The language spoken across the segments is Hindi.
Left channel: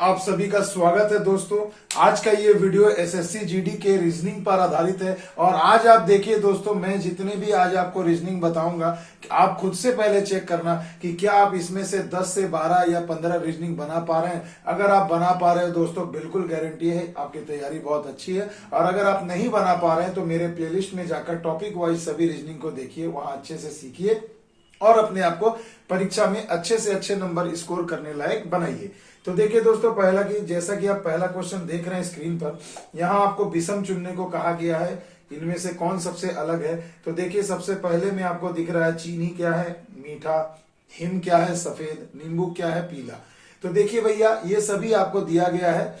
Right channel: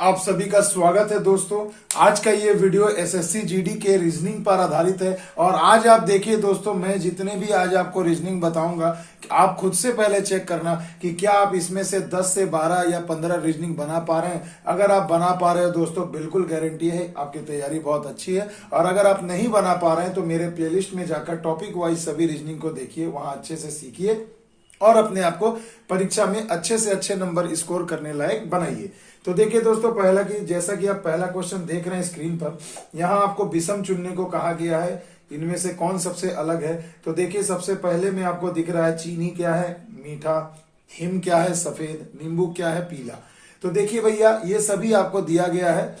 आप सभी का स्वागत है दोस्तों। आज का ये वीडियो एसएससी जीडी के रीजनिंग पर आधारित है और आज आप देखिए दोस्तों, मैं जितने भी आज आपको रीजनिंग बताऊंगा आप खुद से पहले चेक करना कि क्या आप इसमें से 10 से 12 या 15 रीजनिंग बना पा रहे हैं। अगर आप बना पा रहे हो दोस्तों, बिल्कुल गारंटी है आपकी तैयारी बहुत अच्छी है। और अगर आप नहीं बना पा रहे हैं तो मेरे प्लेलिस्ट में जाकर टॉपिक वाइज सभी रीजनिंग को देखिए, वहां अच्छे से सीखिए और अपने आप को परीक्षा में अच्छे से अच्छे नंबर स्कोर करने लायक बनाइए। तो देखिए दोस्तों, पहला कि जैसा कि आप पहला क्वेश्चन देख रहे हैं स्क्रीन पर, यहाँ आपको विषम चुनने को कहा गया है। इनमें से कौन सबसे अलग है? तो देखिए सबसे पहले में आपको दिख रहा है चीनी क्या है? मीठा। हिम क्या है? सफेद। नींबू क्या है? पीला। तो देखिए भैया, ये सभी आपको दिया गया है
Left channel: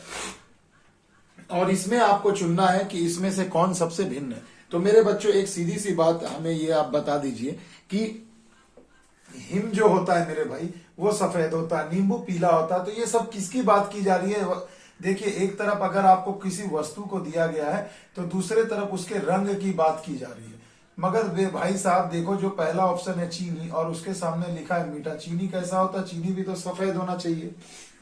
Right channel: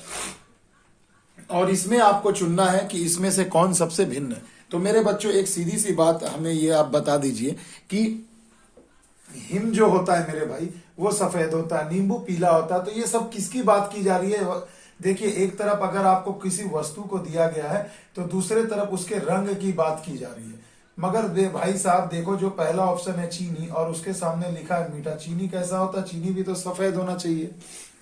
और इसमें आपको चुनना है कि इसमें से कौन सबसे भिन्न है। तो मेरे बच्चों, एक सीधी सी बात हमें ये आप बता दीजिए कि हिम जो होता है मेरे भाई, वो सफेद होता है, नींबू पीला होता है। तो ये सब किसकी बात की जा रही है? देखिए, एक तरफ अगर आपको किसी वस्तु को दिया गया है तो दूसरे तरफ उसके रंग की बात की जा रही है। मगर वे भाई साहब देखो, जो पहला ऑप्शन है चीनी और उसके सामने लिखा है मीठा। चीनी कैसा होता है? चीनी भी तो सफेद होना चाहिए,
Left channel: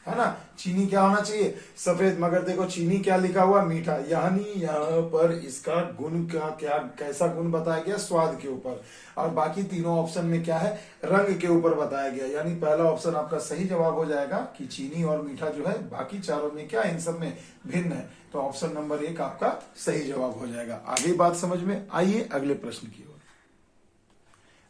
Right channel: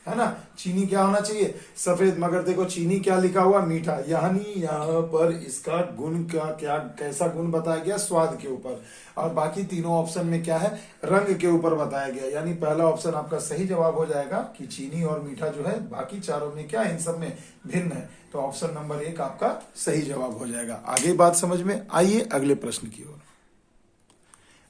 है ना। चीनी क्या होना चाहिए? सफेद। मगर देखो चीनी क्या लिखा हुआ? मीठा। यानी यहाँ पर इसका गुण का क्या, कैसा गुण बताया गया? स्वाद के ऊपर। और बाकी तीनों ऑप्शन में क्या है? रंग के ऊपर बताया गया। यानी पहला ऑप्शन आपका सही जवाब हो जाएगा कि चीनी और मीठा जो है, बाकी चारों में क्या, इन सब में भिन्न है। तो ऑप्शन नंबर 1 आपका सही जवाब हो जाएगा। आगे बात समझ में आइए अगले प्रश्न की ओर।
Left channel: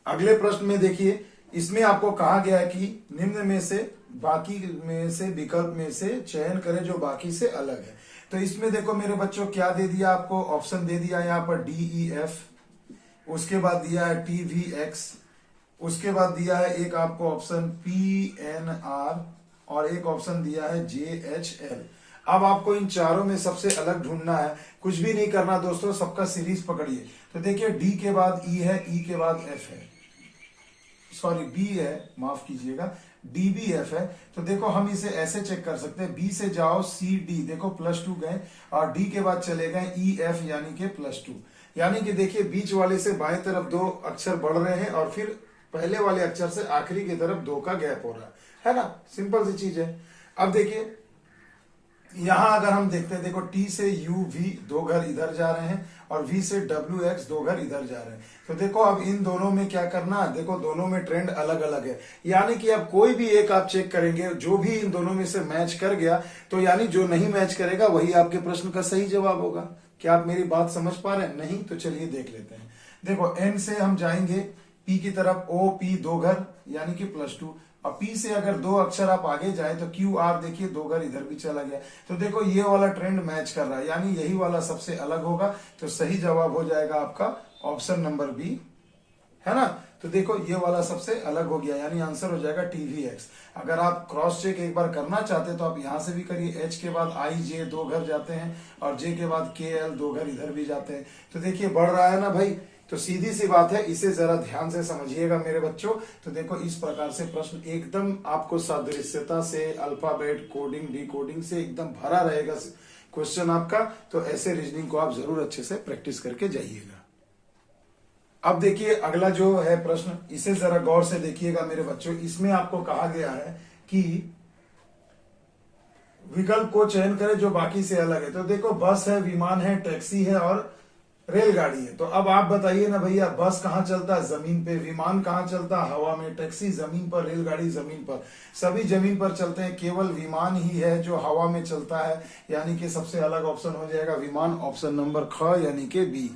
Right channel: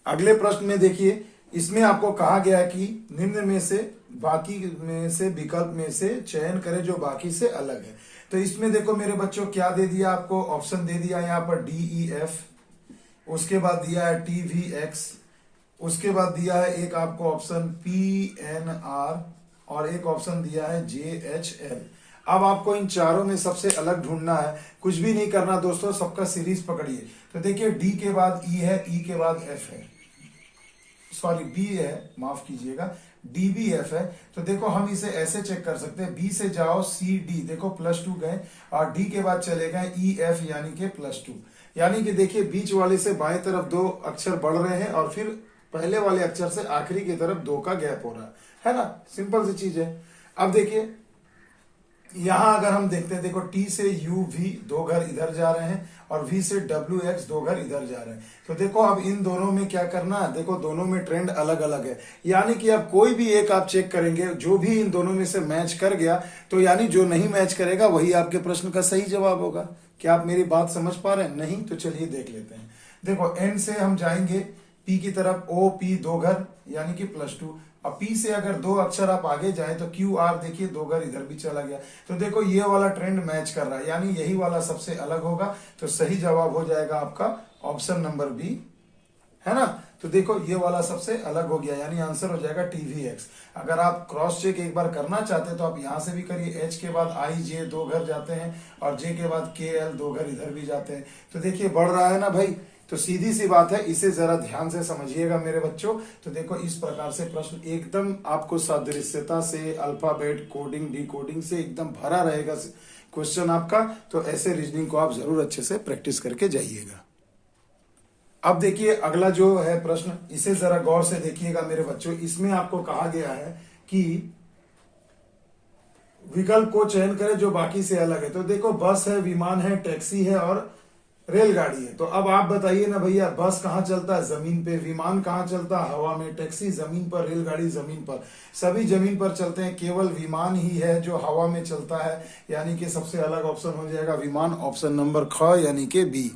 अगले प्रश्न में देखिए, इसमें आपको कहा गया है कि निम्न में से, बाकी में से, विकल्प में से चयन करें जो बाकी से अलग है। तो इसमें देखो मेरे बच्चों, क्या दे दिया आपको? ऑप्शन दे दिया यहाँ पर DEF, उसके बाद दिया है TVX, उसके बाद दिया है एक आपको ऑप्शन PNR और एक ऑप्शन दिया है JHL। अब आपको इन चारों में सबसे अलग ढूंढना है। कुछ भी नहीं करना दोस्तों, सबका सीरीज पकड़िए। तो देखिए, D के बाद E है, E के बाद F है, सॉरी B है, माफ कीजिएगा, DBF है। तो देखो हम इसे ऐसे चेक कर सकते हैं, B से जाओ CD, देखो +2 गए, और D के बाद चले गए EF यानी कि +2। यानी कि देखिए, बीच वाले से बाएं तरफ 2 अक्षर बढ़ रहे हैं और फिर पहले वाले अक्षर से आखिरी की तरफ 2 का गैप हो रहा है ना। सिंपल सी चीज है। अब देखिए यहां अगर हम देखते हैं, देखो T से UV 2 घर इधर जा रहे हैं और V से WX 2 घर इधर जा रहे हैं। तो देखो अब इन दोनों में क्या करना है? देखो दोनों में ट्रेंड अलग अलग है। यानी कि अब कोई भी एक आप चेक करेंगे, जो भी इन दोनों में से मैच कर गया तो यानी जो नहीं मैच करेगा वही आपके प्रश्न का सही जवाब होगा। क्या आप मेरी बात समझ पा रहे हैं? नहीं तो चलिए देख लेते हैं। देखो N से हम जाएंगे P की तरफ, OP 2 घर यानी कि +2। अब P से अगर 2 अक्षर आप आगे जाए तो QR देखिए 2 घर इधर भी चला गया। तो देखो ये वाला ट्रेंड मैच कर रहा है, यानी यही वाला सबसे अलग होगा। तो सही जवाब हो जाएगा आपका ऑप्शन नंबर B, है ना। तो देखो ये वाला सबसे अलग हो गया, यानी आंसर हो जाएगा TVX। अगर आप क्रॉस चेक एक बार करना चाहते हैं तो आप यहां से भी करिए। H के बाद IJ 2 घर जाते हैं और J के बाद KL 2 घर इधर भी जाते हैं। तो देखिए बढ़ रहा है ना भाई। तो सीधी सी बात है, इसे जरा ध्यान से समझिएगा मेरे बच्चों। तो देखो इस प्रकार से प्रश्न एकदम आपको सादृश्यता से, अल्फाबेट कोडिंग डिकोडिंग से एकदम भरा रहेगा क्वेश्चन आपका। तो ऐसे रीजनिंग को आप जरूर अच्छे से प्रैक्टिस करके जाइएगा। अब देखिए अगला जो है प्रश्न, इसे जरा गौर से देखिएगा मेरे बच्चों। इसमें आपको कहा गया है कि विकल्प को चयन करें जो बाकी से अलग है। तो देखो बस है, विमान है, टैक्सी है और रेलगाड़ी है। तो अब आप बताइए ना भैया, बस कहाँ चलता है? जमीन पे। विमान कहाँ चलता है? हवा में। टैक्सी जमीन पर, रेलगाड़ी जमीन पर। सभी जमीन पर चलते हैं, केवल विमान ही है जो हवा में चलता है। यानी कि सबसे अलग ऑप्शन हो जाएगा विमान, ऑप्शन नंबर ख यानी कि B।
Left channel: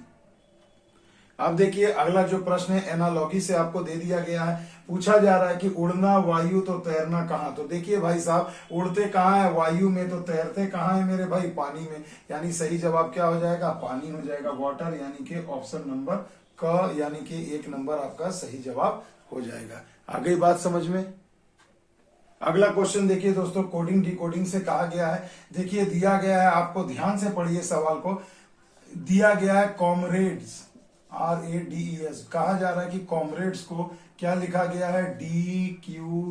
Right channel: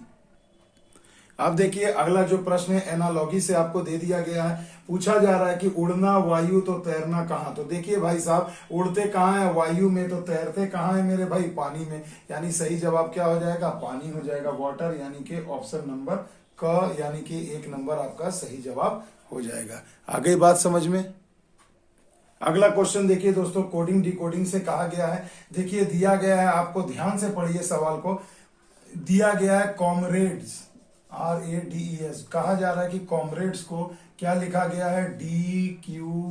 अब देखिए अगला जो प्रश्न है, एनालॉगी से आपको दे दिया गया है। पूछा जा रहा है कि उड़ना वायु तो तैरना कहाँ? तो देखिए भाई साहब, उड़ते कहाँ है? वायु में। तो तैरते कहाँ है मेरे भाई? पानी में। यानी सही जवाब क्या हो जाएगा? पानी हो जाएगा, वाटर। यानी कि ऑप्शन नंबर क यानी कि 1 नंबर आपका सही जवाब हो जाएगा। आगे बात समझ में। अगला क्वेश्चन देखिए दोस्तों, कोडिंग डिकोडिंग से कहा गया है। देखिए दिया गया है, आपको ध्यान से पढ़िए सवाल को। दिया गया है कॉमरेड्स, RADES। कहा जा रहा है कि कॉमरेड्स को क्या लिखा गया है? DQPVFJLA।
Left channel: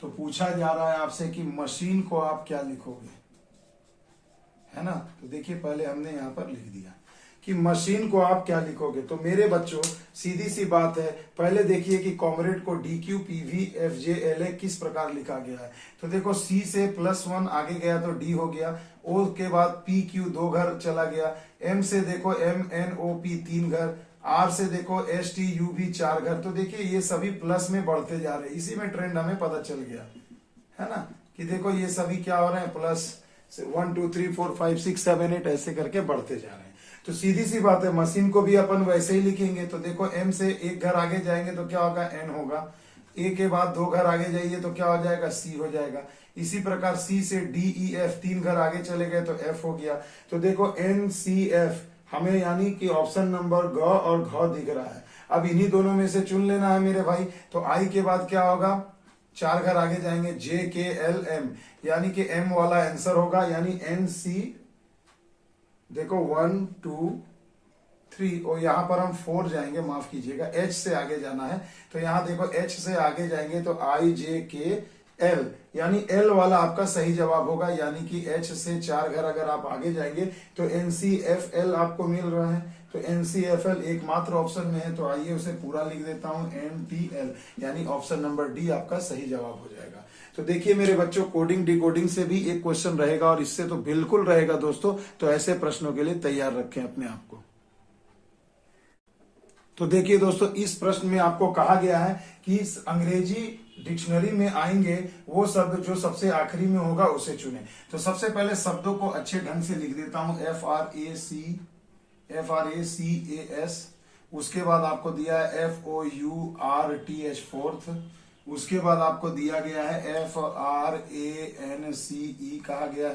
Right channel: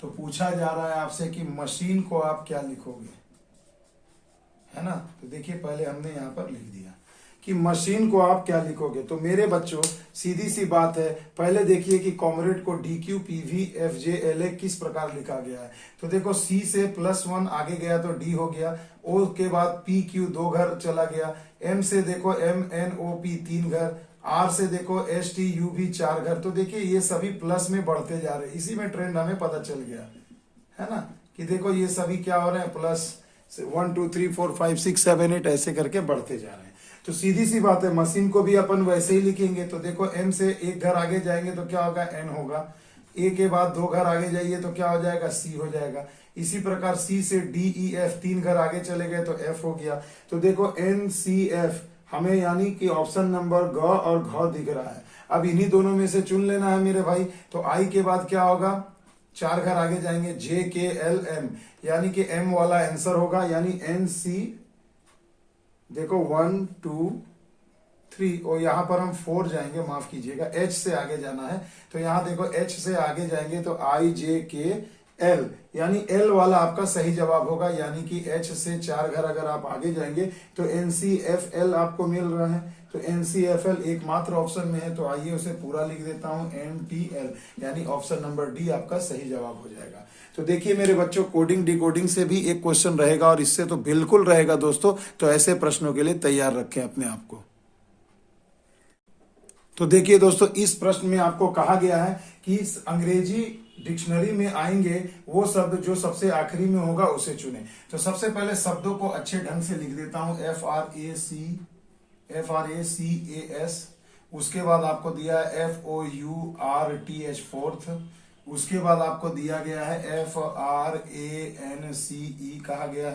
तो पूछा जा रहा है आपसे कि मशीन को आप क्या लिखोगे, है ना। तो देखिए पहले हमने यहां पर लिख दिया। कि मशीन को आप क्या लिखोगे। तो मेरे बच्चों सीधी सी बात है, पहले देखिए कि कॉमरेड को DQ PV FJ LA किस प्रकार लिखा गया है। तो देखो C से +1 आगे गया तो D हो गया, O के बाद PQ 2 घर चला गया, M से देखो MNOP 3 घर, R से देखो STUV 4 घर। तो देखिए ये सभी प्लस में बढ़ते जा रहे हैं, इसी में ट्रेंड हमें पता चल गया है ना, कि देखो ये सभी क्या हो रहे हैं, प्लस 1 2 3 4 5 6 7 8 ऐसे करके बढ़ते जा रहे हैं। तो सीधी सी बात है, मशीन को भी अपन वैसे ही लिखेंगे। तो देखो M से एक घर आगे जाएंगे तो क्या होगा, N होगा, A के बाद 2 घर आगे जाइए तो क्या हो जाएगा, C हो जाएगा। इसी प्रकार C से D E F 3 घर आगे चले गए तो F हो गया। तो देखो NCF हमें यानी कि ऑप्शन नंबर ग और घ दिख रहा है। अब इन्हीं दोनों में से चुन लेना है मेरे भाई। तो I के बाद क्या होगा, 4 घर आगे जाएंगे JKLM, यानी कि M वाला आंसर होगा, यानी NC देखो 1 2 3 और यहां पर हम 4 जाएंगे, माफ कीजिएगा, H से आगे जाना है। तो यहां देखो H से आगे जाएंगे तो IJKL, यानी L वाला आपका सही जवाब होगा, यानी कि H से 4 घर अगर आप आगे जाएंगे तो NCFL आपको मिल रहा है। तो NCFL एकमात्र ऑप्शन में है, तो आइए उसे पूरा लिख देता हूं NPL, यानी ऑप्शन नंबर D आपका सही जवाब हो जाएगा। तो देखिए मेरे बच्चों, कोडिंग डिकोडिंग से भी एक क्वेश्चन रहेगा और इससे तो बिल्कुल रहेगा दोस्तों। तो ऐसे प्रश्नों के लिए तैयार रखें अपने आप को। तो देखिए दोस्तों, इस प्रश्न में आपको कहा गया है कि इस अंग्रेजी डिक्शनरी में आएंगे वो शब्द जो सबसे आखिरी में होगा उसे चुने। तो सबसे पहले शब्दों को अच्छे ढंग से लिख देता हूं, FRACAS, उसके बाद आपको दिया है FOURTH फोर्थ, उसके बाद आपको दिया गया है FRANCE कहा गया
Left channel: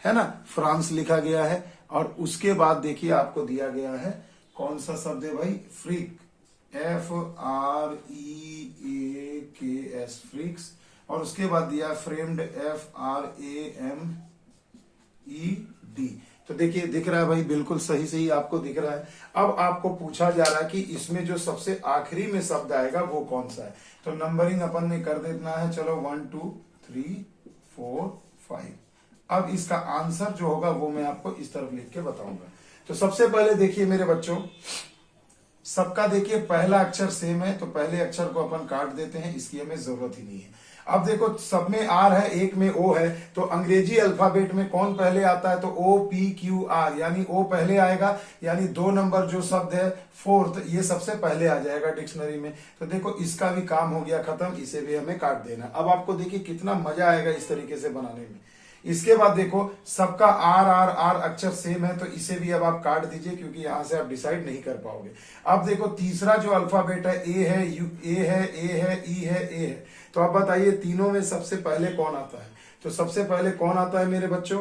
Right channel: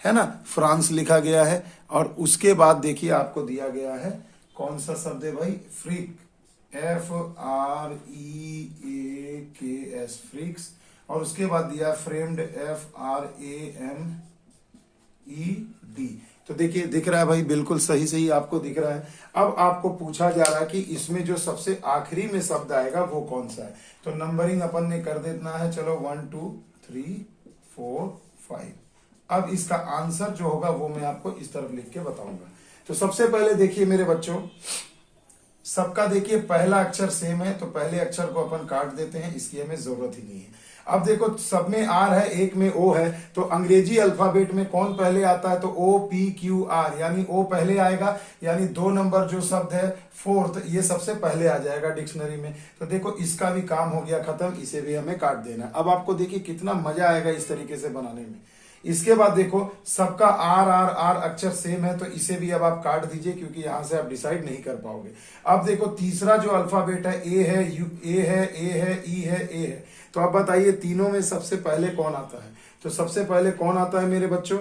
है ना, फ्रांस लिखा गया है। और उसके बाद देखिए आपको दिया गया है कौन सा शब्द है भाई, फ्रीक, FREAKS फ्रीक्स, और उसके बाद दिया फ्रेम्ड FRAMED। तो देखिए दिख रहा है भाई, बिल्कुल सही सही आपको दिख रहा है। अब आपको पूछा जा रहा है कि इसमें जो सबसे आखिरी में शब्द आएगा वो कौन सा है। तो नंबरिंग अपन ने कर देना है, चलो 1 2 3 4 5। अब इसका आंसर जो होगा वो मैं आपको इस तरफ लिख के बताऊंगा। तो सबसे पहले देखिए मेरे बच्चों, सबका देखिए पहला अक्षर सेम है, तो पहले अक्षर को अपन काट देते हैं, इसकी हमें जरूरत ही नहीं है। अब देखो सब में R है, एक में O है, तो अंग्रेजी अल्फाबेट में कौन पहले आता है, तो OPQR, यानी O पहले आएगा, यानी 2 नंबर जो शब्द है फोर्थ, ये सबसे पहले आ जाएगा डिक्शनरी में। तो देखो इसका भी काम हो गया खत्म, इसे भी हमें काट देना। अब आपको देखिए कितना मजा आएगा इस तरीके से बनाने में। इसके बाद देखो सबका R अक्षर सेम है, तो इसे भी अब आप काट दीजिए, क्योंकि यहां से आप डिसाइड नहीं कर पाओगे। अब देखो तीसरा जो अल्फाबेट है A है, A है, E है, A है। तो अब बताइए तीनों में सबसे पहले कौन आता है। तो सबसे पहले कौन आता है मेरे बच्चों,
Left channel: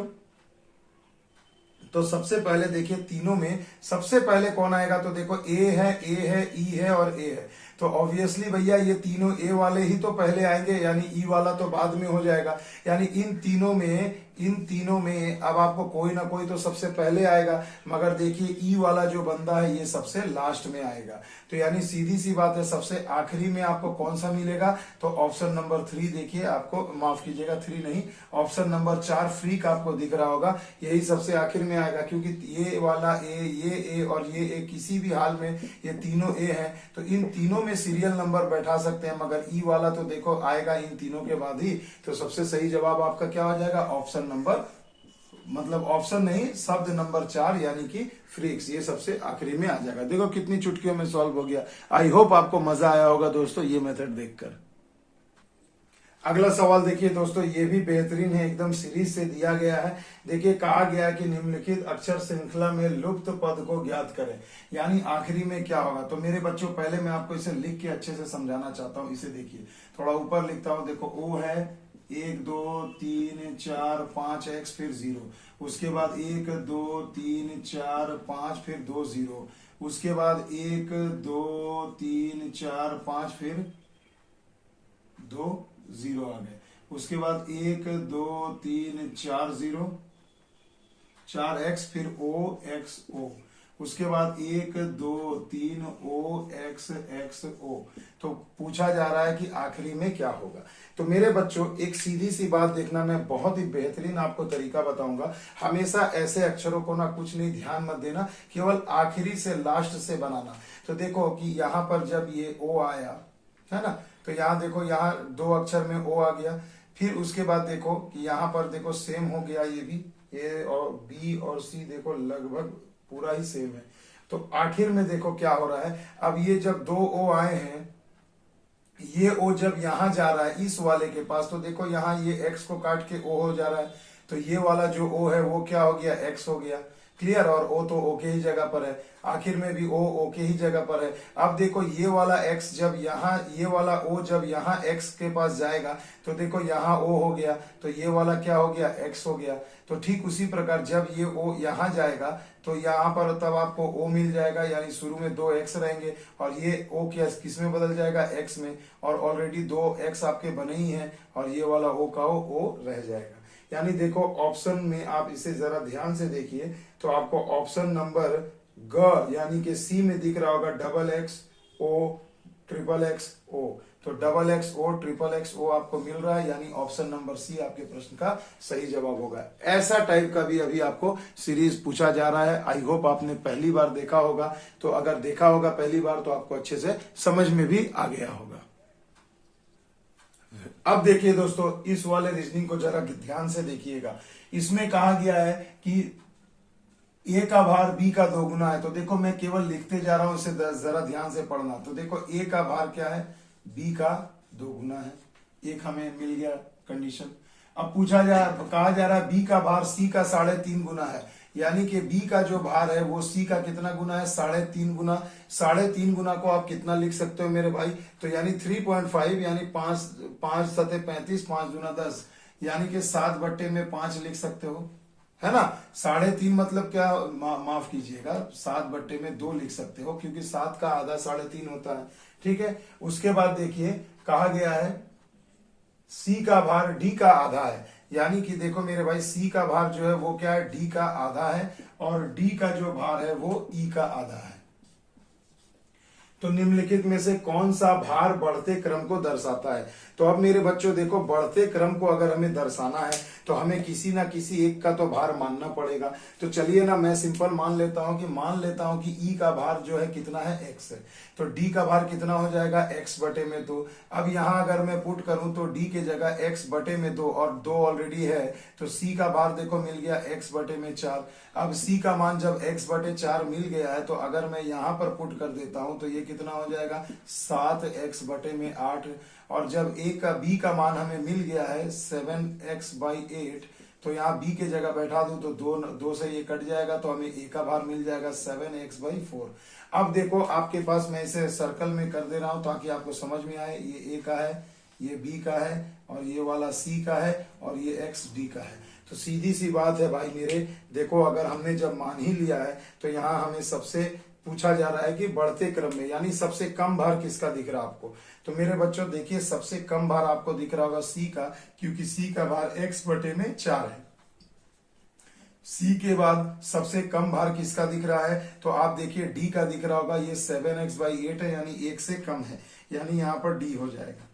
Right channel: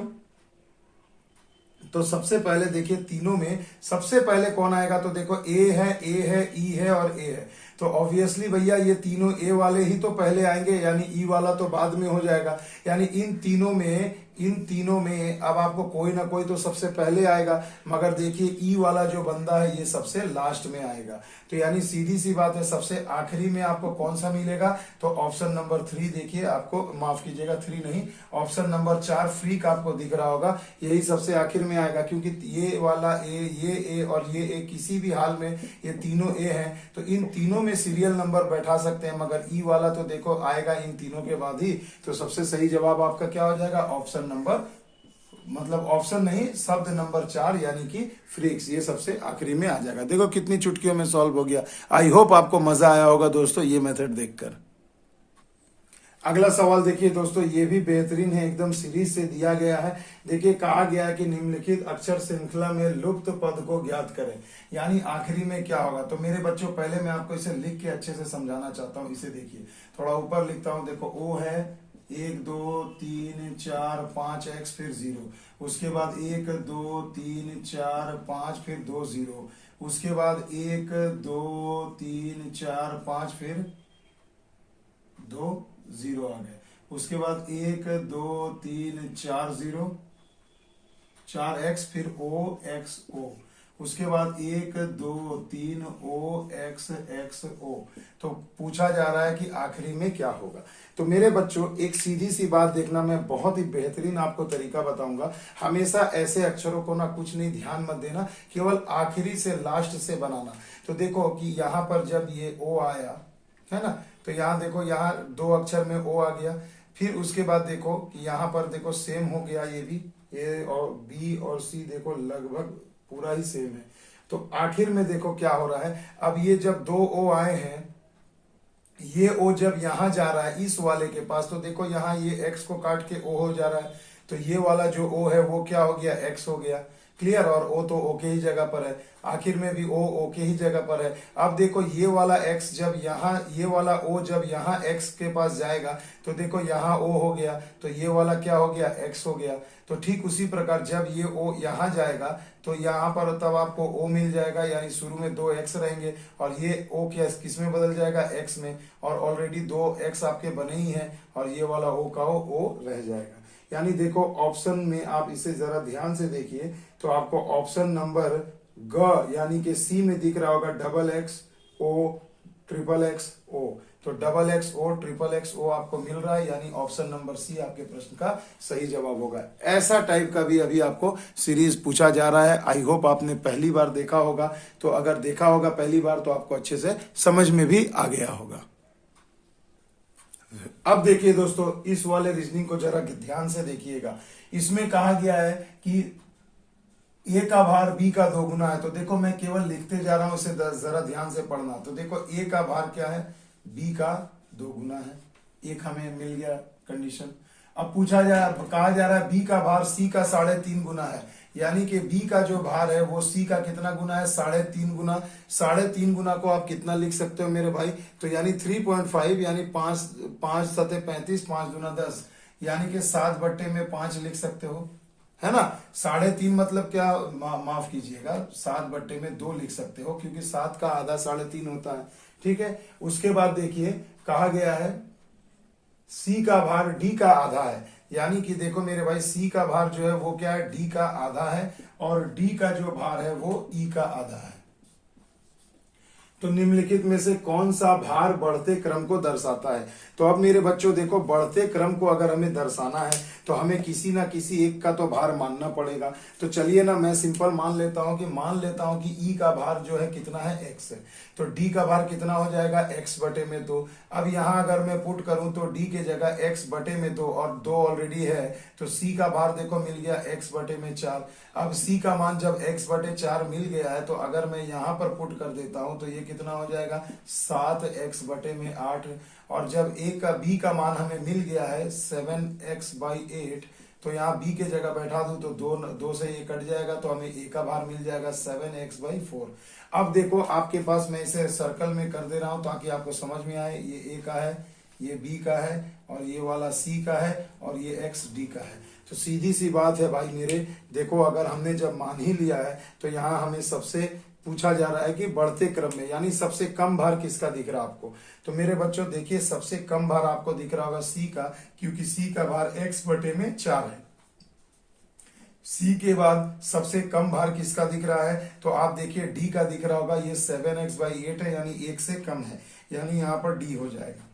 तो सबसे पहले देखिए तीनों में सबसे पहले कौन आएगा, तो देखो A है, E है और A है। तो ऑब्वियसली भैया ये तीनों ए वाले ही तो पहले आएंगे, यानी ई वाला तो बाद में हो जाएगा। यानी इन तीनों में अब आपको कोई ना कोई तो सबसे पहले आएगा, मगर देखिए ई वाला जो बंदा है ये सबसे लास्ट में आएगा। तो यानी सीधी सी बात है, सबसे आखिरी में आपको कौन सा मिलेगा, तो ऑप्शन नंबर 3 देखिए आपको, माफ कीजिएगा 3 नहीं, ऑप्शन नंबर 4 फ्रीक आपको दिख रहा होगा, यही सबसे आखिर में आएगा। क्योंकि ये वाला ये ए और ये ए किसी भी हाल में ये तीनों ए हैं, तो इन तीनों में सीरियल नंबर बैठा सकते हैं, मगर ई वाला तो देखो आएगा इन तीनों के बाद ही। तो सबसे सही जवाब आपका क्या हो जाएगा, ऑप्शन नंबर, मतलब ऑप्शन नहीं, शब्द नंबर 4 यानी कि फ्रीक्स, ये सबसे आखिरी में आ जाएगा। देखो कितनी चुटकियों में सॉल्व हो गया। आई होप आपको मजा आया होगा दोस्तों ये मेथड देखकर। अगला सवाल देखिए दोस्तों, ये भी बेहतरीन है, एकदम सीरीज से दिया गया है। देखिए कहा गया है कि निम्नलिखित अक्षर श्रृंखला में लुप्त पद को ज्ञात करें, यानी आखिरी में क्या होगा। तो मेरे बच्चों पहले मैं आपको इसे लिख के अच्छे से समझाना चाहता हूं। इसे देखिए, थोड़ा ऊपर लिखता हूं, देखो O है 1 2 3 4 5 x फिर 0, उसके बाद 1 2 3 4 5 फिर 2 0, उसके बाद 1 2 3 4 5 फिर 2 0 आ गए, उसके बाद 1 2 3 4 0 4 x फिर O x O, उसके बाद 1 2 3 ओ एक्स एक्स ओ। तो पूछा जा रहा है कि आखिरी में क्या होगा। तो मेरे बच्चों एक सीधी सी बात देखना, मैं बहुत ही बेहतरीन आपको तरीका बताऊंगा। हमेशा ऐसे अक्षरों को ना कुछ नहीं ध्यान मत देना, केवल आखिरी से लास्ट से बनाना। तो देखो कि यहाँ पर जब ये ओ आया है ना, तो यहाँ देखो यहाँ 2 अक्षर में ओ आ गया। फिर उसके बाद देखो कि यहाँ पर देखो सेम हो गया, ये भी, ए और बी और सी देखो लगभग पूरा ही सेम है। तो आखिर में देखो क्या हो रहा है। अब ये जब 2 ओ आए हैं, ये ओ जब यहां जा रहा है इस वाले के पास, तो देखो यहाँ ये एक्स को काट के ओ हो जा रहा है। तो ये वाला जो ओ है वो क्या हो गया, एक्स हो गया। क्लियर। और ओ तो ओ के ही जगह पर है, आखिर में भी ओ के ही जगह पर है। अब देखो ये वाला एक्स जब यहाँ, ये वाला ओ जब यहाँ एक्स के पास जाएगा, तो देखो यहाँ ओ हो गया, तो ये वाला क्या हो गया, एक्स हो गया। तो ठीक उसी प्रकार जब ये ओ यहाँ जाएगा, तो यहाँ पर तब आपको ओ मिल जाएगा, यानी शुरू में 2 एक्स रहेंगे और ये ओ किस में बदल जाएगा, एक्स में। और ऑलरेडी 2 एक्स आपके बने ही हैं और ये वाला ओ का ओ रह जाएगा। यानी देखो ऑप्शन में आप इसे जरा ध्यान से देखिए, तो आपको ऑप्शन नंबर ग यानी कि सी में दिख रहा होगा डबल एक्स ओ ट्रिपल एक्स ओ। तो डबल एक्स ओ ट्रिपल एक्स ओ आपको मिल रहा है, यानी ऑप्शन नंबर सी आपके प्रश्न का सही जवाब होगा। ऐसा टाइप का भी अभी आपको सीरीज पूछा जा रहा है। आई होप आपने पहली बार देखा होगा, तो अगर देखा होगा पहली बार तो आपको अच्छे से समझ में भी आ गया होगा। अब देखिए दोस्तों, इस वाले रीजनिंग को जरा ध्यान से देखिएगा। इसमें कहा गया है कि ए का भार बी का 2 गुना है। तो देखो मैं केवल लिखते जा रहा हूं, इसे जरा ध्यान से पढ़ना। तो देखो ए का भार क्या है, बी का 2 गुना है। एक हमें मिल गया कंडीशन। अब कहा जा रहा है बी का भार सी का 3.5 गुना है, यानी कि बी का जो भार है वो सी का कितना गुना है, 3.5 गुना। 3.5 गुना को आप कितना लिख सकते हो मेरे भाई, तो यानी 3.5 यानी 5 सते 35, 5 गुना 10, यानी कि 7/5 लिख सकते हो, है ना। 3.5 मतलब क्या, माफ कीजिएगा, 7/2 लिख सकते हो, क्योंकि 7 का आधा 3.5 होता है। ठीक है। उसके बाद देखिए कहा गया है सी का भार डी का आधा है, यानी कि देखो मेरे भाई सी का भार जो है वो क्या है, डी का आधा है, और डी का जो भार है वो ई का आधा है। तो निम्नलिखित में से कौन सा भार बढ़ते क्रम को दर्शाता है। तो अब मेरे बच्चों देखो, बढ़ते क्रम को अगर हमें दर्शाना है तो हमें किसी ना किसी एक का तो भार मानना पड़ेगा। तो चलिए ना, मैं सिंपल मान लेता हूं कि ई का भार जो है कितना है, एक्स है। तो डी का भार कितना हो जाएगा, x/2। अब यहां अगर मैं पुट करूं तो डी के जगह x/2 और 2 ऑलरेडी है, तो सी का भार देखो मिल गया x/4। अब सी का मान जब x/4 मिल गया है, तो अगर मैं यहां पर पुट कर देता हूं तो ये कितना हो जाएगा, 7x/8। और जब बी का मान हमें मिल गया है 7x/8, तो यहाँ बी के जगह बैठा दूं तो 2 से ये कट जाएगा, तो हमें ए का भार मिल जाएगा 7x/4। अब देखो आपके पास, मैं इसे सर्कल में कर दे रहा हूं ताकि आपको समझ में आए। ये ए का है, ये बी का है, और ये वाला सी का है, और ये एक्स डी का है। तो सीधी सी बात है भाई मेरे, देखो अगर हमने जब मान ही लिया है, तो यहाँ हमें सबसे पूछा जा रहा है कि बढ़ते क्रम में, यानी सबसे कम भार किसका दिख रहा है आपको। तो मेरे बच्चों देखिए, सबसे कम भार आपको दिख रहा होगा सी का, क्योंकि सी का भार x/4 है। सी के बाद सबसे कम भार किसका दिख रहा है, तो आप देखिए डी का दिख रहा होगा, ये 7x/8 है, यानी 1 से कम है, यानी यहाँ पर डी हो जाएगा।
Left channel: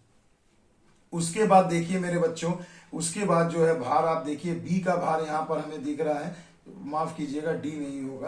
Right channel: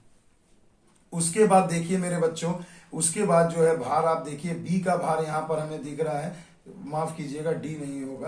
उसके बाद देखिए मेरे बच्चों, उसके बाद जो है भार आप देखिए, बी का भार यहाँ पर हमें दिख रहा है, माफ कीजिएगा डी नहीं होगा,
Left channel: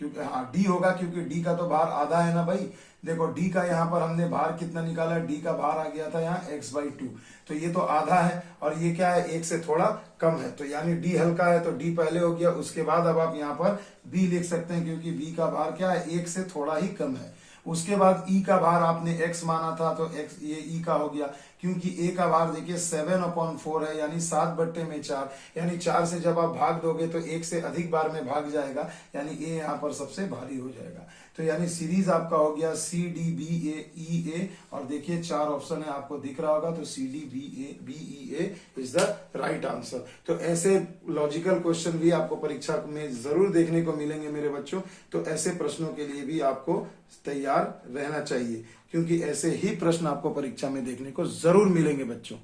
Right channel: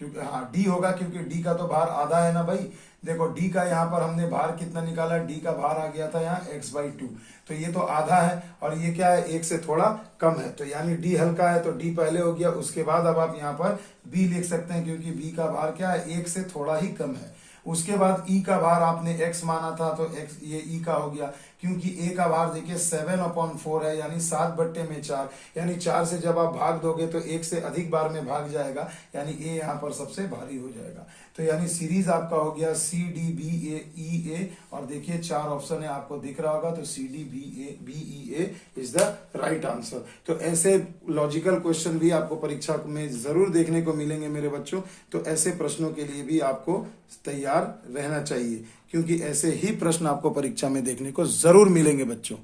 क्योंकि हाँ डी होगा, क्योंकि डी का तो भार आधा है ना भाई। देखो डी का यहाँ पर हमने भार कितना निकाला, डी का भार आ गया था यहाँ x/2, तो ये तो आधा है, और ये क्या है, 1 से थोड़ा कम है, तो यानी डी हल्का है, तो डी पहले हो गया। उसके बाद अब आप यहाँ पर बी लिख सकते हैं, क्योंकि बी का भार क्या है, 1 से थोड़ा ही कम है। उसके बाद ई का भार आपने x माना था, तो x ये ई का हो गया, क्योंकि ए का भार देखिए 7/4 है, यानी 7/4, यानी 4 से जब आप भाग दोगे तो 1 से अधिक बार में भाग जाएगा, यानी ए यहाँ पर सबसे भारी हो जाएगा। तो यानी सीरीज आपका हो गया CDBA और देखिए 4 ऑप्शन है, आपको दिख रहा होगा, तो CDBA is the right answer. तो ऐसे लॉजिकल क्वेश्चन भी आपको परीक्षा में जरूर देखने को मिलेंगे मेरे बच्चों। तो ऐसे प्रश्नों के लिए भी आपको तैयार रहना चाहिए, क्योंकि ऐसे ही प्रश्न आपको परीक्षा में देखने को जरूर मिलेंगे बच्चों।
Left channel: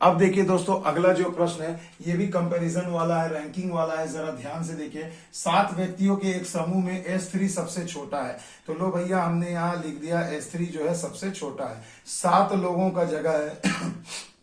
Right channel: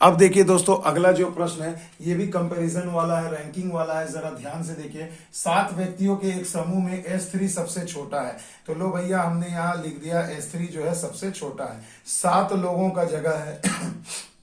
अब देखिए दोस्तों, अगला जो प्रश्न है ये भी कंपैरिजन वाला है, रैंकिंग वाला है। जरा ध्यान से देखिए, 7 व्यक्तियों के एक समूह में S3 सबसे छोटा है। तो लो भैया, हमने यहाँ लिख दिया S3 जो है सबसे छोटा है। 7 लोगों का जगह है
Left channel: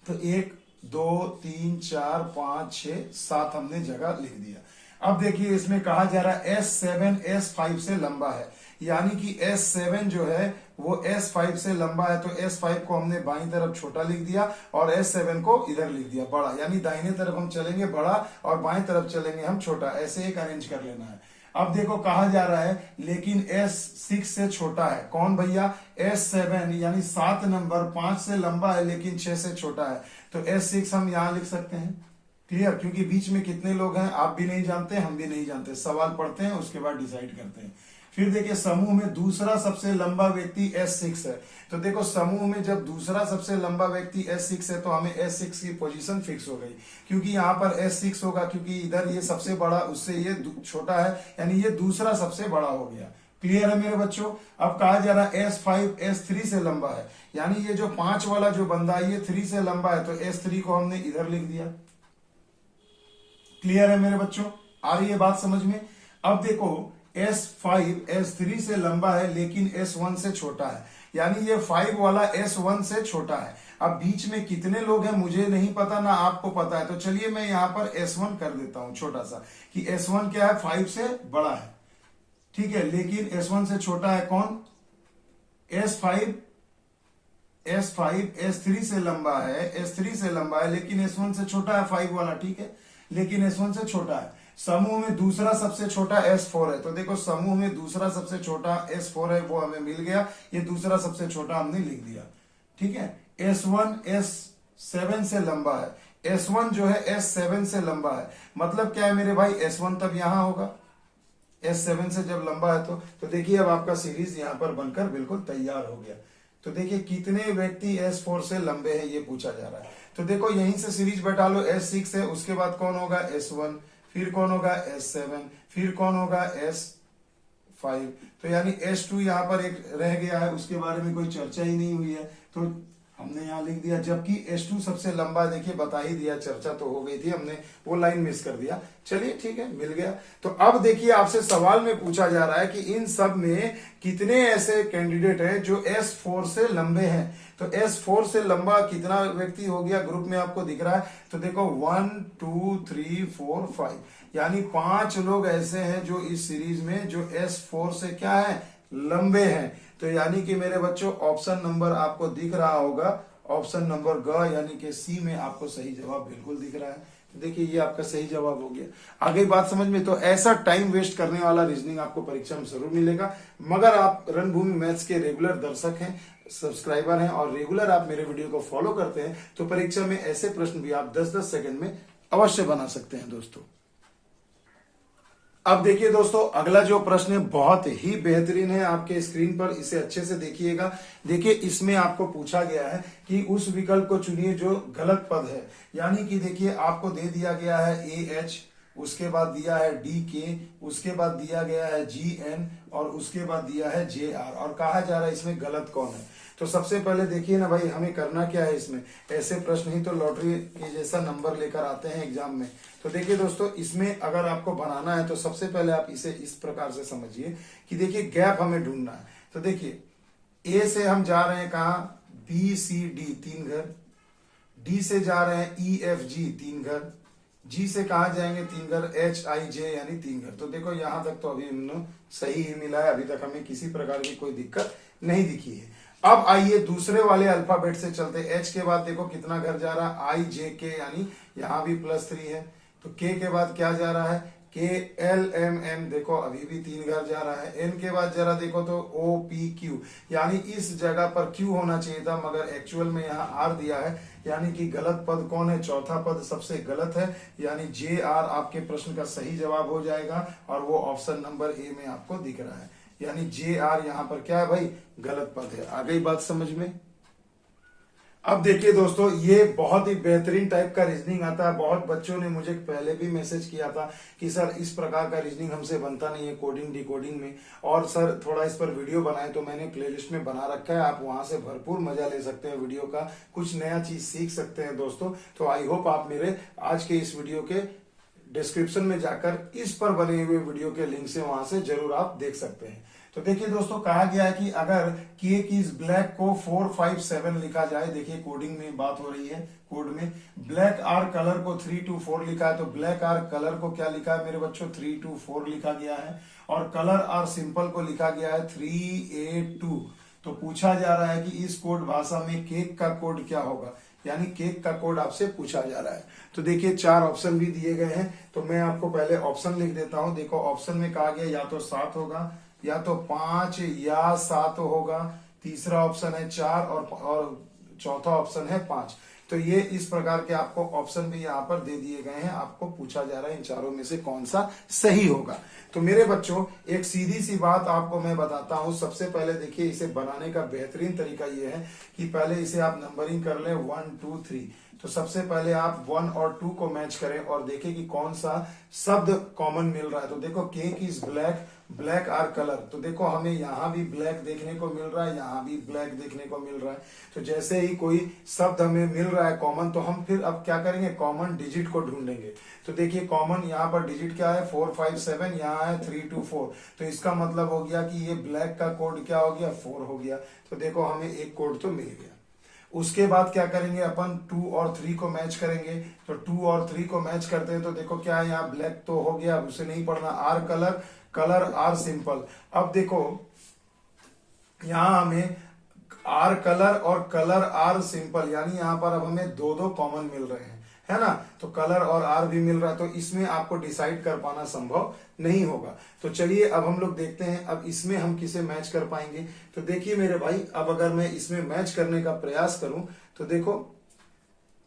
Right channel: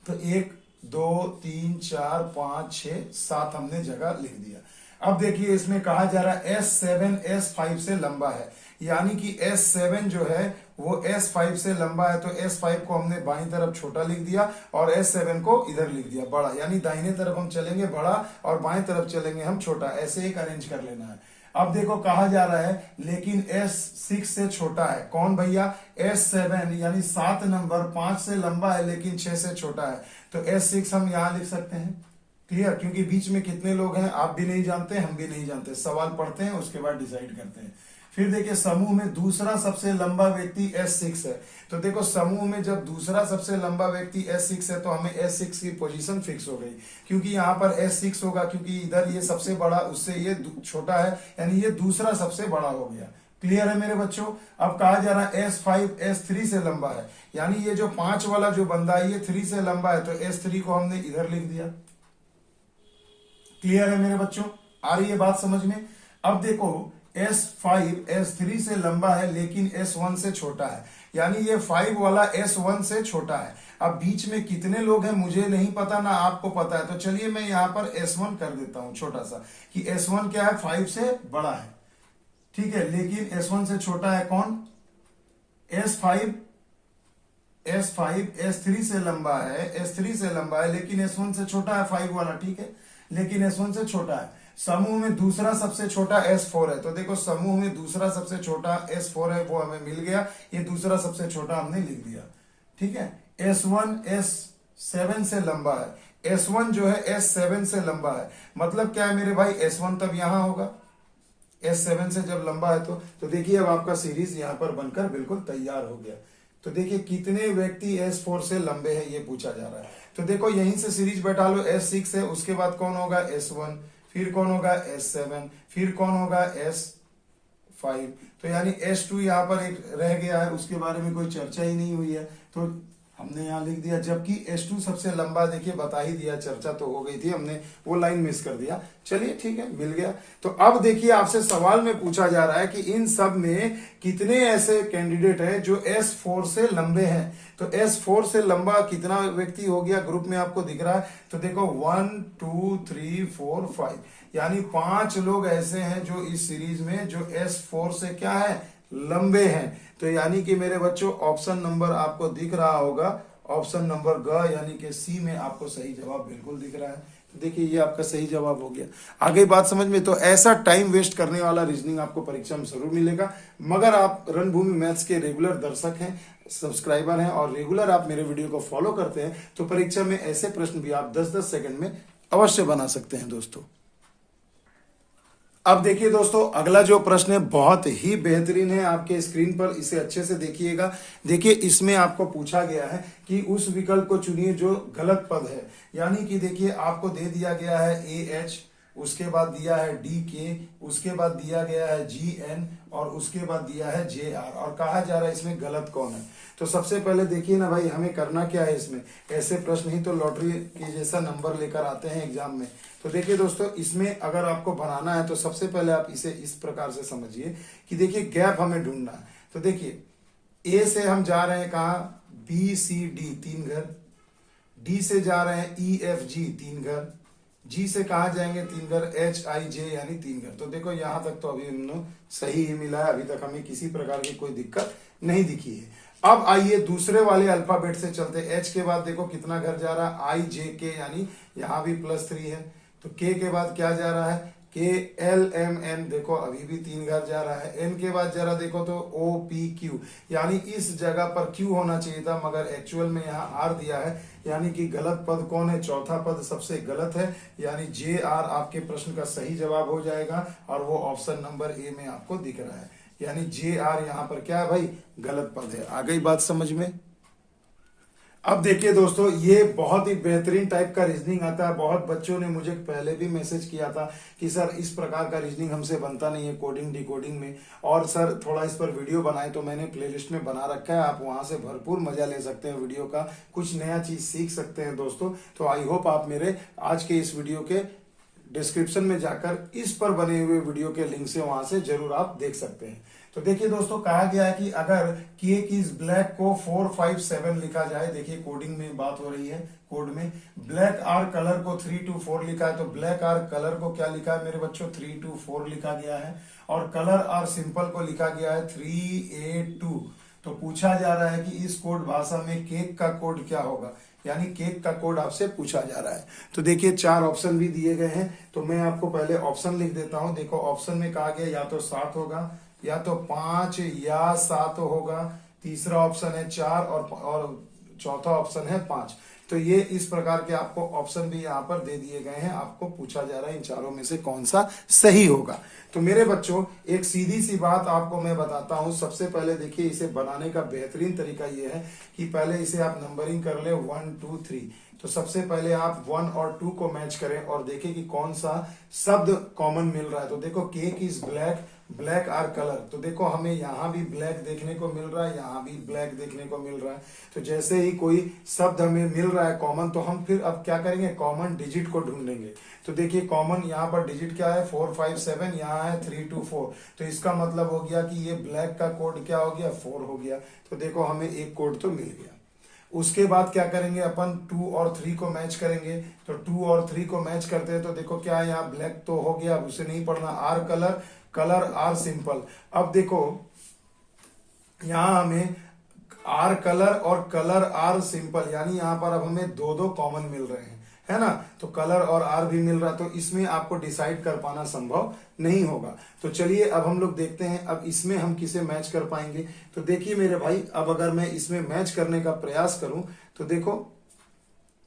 तो 1 2 3 4 5 6 7 हमने जगह लिख दिया। अब देखिए, इसमें कहा जा रहा है S7 S5 से लंबा है, यानी कि S7 जो है वो S5 से लंबा है। तो S5 को हमने बाईं तरफ छोटा लिख दिया और S7 को इधर लिख दिया बड़ा, यानी दाहिने तरफ हम चलेंगे बड़ा और बाएं तरफ चलेंगे हम छोटा, ऐसे एक अरेंज कर लेना है। अब देखो, कहा जा रहा है लेकिन S6 से छोटा है। कौन भैया? S7, यानी 7 नंबर 5 से लंबा है लेकिन 6 से छोटा है। तो S6 हम यहां लिख सकते हैं। क्लियर? क्योंकि बीच में कितने लोग हैं आप भी नहीं जानते, हम भी नहीं जानते। सवाल पढ़ते हैं उसके बाद डिसाइड करते हैं। फिर देखिए, समूह में दूसरा सबसे लंबा व्यक्ति S6 है। तो देखो, समूह में जब दूसरा सबसे लंबा व्यक्ति S6 है तो हमें S6 की पोजीशन फिक्स हो गई, क्योंकि यहाँ पर S6 होगा, क्योंकि इधर ये सबसे बड़ा उससे ये छोटा है, यानी ये दूसरा सबसे बड़ा हो गया। क्लियर है मेरे बच्चों? अब कहा जा रहा है S5 S3 से लंबा है, यानी ये जो 5 वाला जो बंदा है ये 3 से लंबा है। तो S3 को हमने इधर लिख दिया। क्लियर है मेरे बच्चों? आ रही है बात समझ में? अब देखो, S5 S3 से लंबा है लेकिन S1 से छोटा है, यानी ये 5 वाला S1 से छोटा है। अब बीच में कितने लोग हैं मुझे नहीं पता, ना आपको पता है। तो चलिए मैं यहां पर S1 कर देता हूं छोटा सा, कि S1 क्या है? 5 से बड़ा है, ठीक है, लेकिन S1 से छोटा है। कौन? S5 S3 से लंबा है, S3 से लंबा है लेकिन S1 से छोटा है, 5 वाला, ठीक है, लेकिन S1 से छोटा है। समूह में दूसरा सबसे छोटा S4 है। तो देखो, समूह में दूसरा सबसे छोटा S4 है, वो हमें मिल गया। ये दूसरा सबसे छोटा हमने लिख दिया, ठीक है। S1 S7 से लंबा है। S1 जो है S7 से लंबा है, मतलब क्या है मेरे भाई? S1 तब यहां होगा, S7 से जब लंबा है तो देखिए, अब आपका सीरीज यहां पर बनकर बिल्कुल तैयार हो गया। तो देखिए, कितने व्यक्ति S4 से लंबे हैं ये पूछा जा रहा है। तो देखो, यहीं से सीरीज बैठा लो। S6 है, उसके बाद कौन होगा? S1, फिर कौन होगा? S7, फिर कौन होगा? S5। तो यानी S2 यहां पर एक रह गया है, उसके बारे में कोई चर्चा ही नहीं हुई है, तो हमने यहां लिख दिया। जबकि S2 सबसे लंबा, देखिए बता ही दिया, चर्चा तो हो गई थी, हमने वो लाइन मिस कर दिया। चलिए ठीक है, मिल गया। तो अब देखिए, आपसे सवाल में पूछा जा रहा है कि इन सब में कितने ऐसे कैंडिडेट हैं जो S4 से लंबे हैं। तो S4 से लंबा कितना व्यक्ति हो गया? ग्रुप में आपको दिख रहा है, तो देखो 1 2 3 4 5, यानी 5 लोग ऐसे हैं जो इस सीरीज में जो S4 से क्या है? लंबे हैं। तो यानी कि मेरे बच्चों, ऑप्शन नंबर आपको दिख रहा होगा, ऑप्शन नंबर ग, यानी कि सी में आपको सही जवाब बिल्कुल दिख रहा है। तो देखिए, ये आपका सही जवाब हो गया। आगे बात समझ में? तो ऐसा टाइम वेस्ट करने वाला रीजनिंग आपको परीक्षा में जरूर मिलेगा, मगर आप रणभूमि मैथ्स के रेगुलर दर्शक हैं, सब्सक्राइबर हैं और रेगुलर आप मेरे वीडियो को फॉलो करते हैं, तो परीक्षा में ऐसे प्रश्न भी आप 10-10 सेकंड में अवश्य बना सकते हैं दोस्तों। अब देखिए दोस्तों, अगला जो प्रश्न है बहुत ही बेहतरीन है, आपके स्क्रीन पर इसे अच्छे से देखिएगा। देखिए, इसमें आपको पूछा गया है कि उस विकल्प को चुनिए जो गलत पद है, यानी कि देखिए, आपको दे दिया गया है AH, उसके बाद दिया है DK, उसके बाद दिया गया है GN और उसके बाद दिया है JR, और कहा जा रहा है इसमें गलत कौन है। तो सबसे पहले देखिए ना भाई, हमें करना क्या है इसमें। ऐसे प्रश्न ही तो लॉटरी के जैसा नंबर लेकर आते हैं एग्जाम में। तो देखिए दोस्तों, इसमें अगर आपको बनाना है तो सबसे पहले आप इसे इस प्रकार से समझिए कि देखिए, गैप हमें ढूंढना है। तो देखिए, A से हम जा रहे हैं कहा? BCD 3 घर, D से जा रहे हैं EFG 3 घर, G से कहा जाएंगे 3 घर, HIJ यानी 3 घर। तो देखो, यहां तक तो अभी हमने सही ही मिला है, अभी तक हमें किसी प्रकार की कोई दिक्कत नहीं दिखी है। अब आइए दूसरे वाले अल्फाबेट से चलते। H के बाद देखो कितना घर जा रहा है? IJK, यानी यहां भी +3 है। तो K के बाद क्या जा रहा है? KLMN, देखो अभी भी 3 घर जा रहा है। N के बाद जरा देखो तो OPQ, यानी इस जगह पर Q होना चाहिए था, मगर एक्चुअल में यहाँ R दिया है, यानी कि गलत पद कौन है? चौथा पद सबसे गलत है, यानी JR आपके प्रश्न का सही जवाब हो जाएगा, और वो ऑप्शन नंबर A में आपको दिख रहा है, यानी JR यहाँ पर क्या है भाई? गलत पद है। आ गई बात समझ में? अब देखिए दोस्तों, ये बहुत ही बेहतरीन टाइप का रीजनिंग आता है। बहुत बच्चों ने मुझे पहले भी मैसेज किया था कि सर इस प्रकार का रीजनिंग हमसे बनता नहीं है कोडिंग डिकोडिंग में, और सर थोड़ा इस पर वीडियो बनाए। तो मैंने प्लेलिस्ट में बना रखा है, आप वहां से भरपूर मजा ले सकते हैं वीडियो का, कुछ नया चीज सीख सकते हैं दोस्तों। तो आई होप आप मेरे आज के इस वीडियो के डिस्क्रिप्शन में जाकर इस पर बने हुए वीडियो के लिंक से वहां से जरूर आप देख सकते हैं। तो देखिए दोस्तों, कहा गया है कि अगर केक इज ब्लैक को 4 5 7 लिखा जाए, देखिए कोडिंग में बात हो रही है, कोड में ब्लैक आर कलर को 3 2 4 लिखा है, तो ब्लैक आर कलर को क्या लिखा है मेरे बच्चों, 3 2 4 लिखा गया है, और कलर आर सिंपल को लिखा गया है 3 8 2। तो पूछा जा रहा है कि इस कोड भाषा में केक का कोड क्या होगा, यानी केक का कोड आपसे पूछा जा रहा है। तो देखिए 4 ऑप्शन भी दिए गए हैं, तो मैं आपको पहले ऑप्शन लिख देता हूं। देखो ऑप्शन में कहा गया या तो 7 होगा, या तो 5 या 7 होगा, तीसरा ऑप्शन है 4 और चौथा ऑप्शन है 5। तो ये इस प्रकार के आपको ऑप्शन भी यहाँ पर दे दिए गए हैं। आपको पूछा जा रहा है इन चारों में से कौन सा सही होगा। तो मेरे बच्चों, एक सीधी सी बात आपको मैं बताता हूं। सबसे पहले देखिए, इसे बनाने का बेहतरीन तरीका ये है कि पहले इसे आप नंबरिंग कर ले 1 2 3। तो सबसे पहले आप 1 और 2 को मैच करें और देखें कि कौन सा शब्द कॉमन मिल रहा है। तो देखो cake is black, black are colour, तो देखो हमें यहाँ भी ब्लैक देखने को मिल रहा है, यहाँ भी ब्लैक देखने को मिल रहा है। तो जैसे ही कोई शब्द हमें मिल रहा है कॉमन, तो हम फिर अब क्या करेंगे, कॉमन डिजिट को ढूंढेंगे। तो देखिए कॉमन यहाँ पर डिजिट क्या है, 4 5 7, यहाँ है 3 2 4। तो इसका मतलब हो गया कि ये ब्लैक का कोड क्या हो गया, 4 हो गया। तो देखो हमें एक कोड तो मिल गया। उसके बाद क्या करेंगे अपन, 2 और 3 को मैच करेंगे। तो 2 और 3 को मैच करते हैं तो देखो क्या है, यहाँ ब्लैक तो हो गया, अब उसे नहीं पढ़ना। Are colour, colour are simple. अब देखो यहां हमें आर कलर और कलर आर सिंपल, यानी यहां पर अब हमें दो दो कॉमन मिल रहे हैं, है ना। तो कलर और आर भी मिल रहा है, तो इसमें आपको डिसाइड कर पाना संभव नहीं होगा। तो चलिए अब हम लोग देखते हैं अब इसमें हम किसे मैच कर पाएंगे। तो देखिए मेरे भाई, अब अगर मैं इसमें मैच करने का प्रयास करूं तो देखो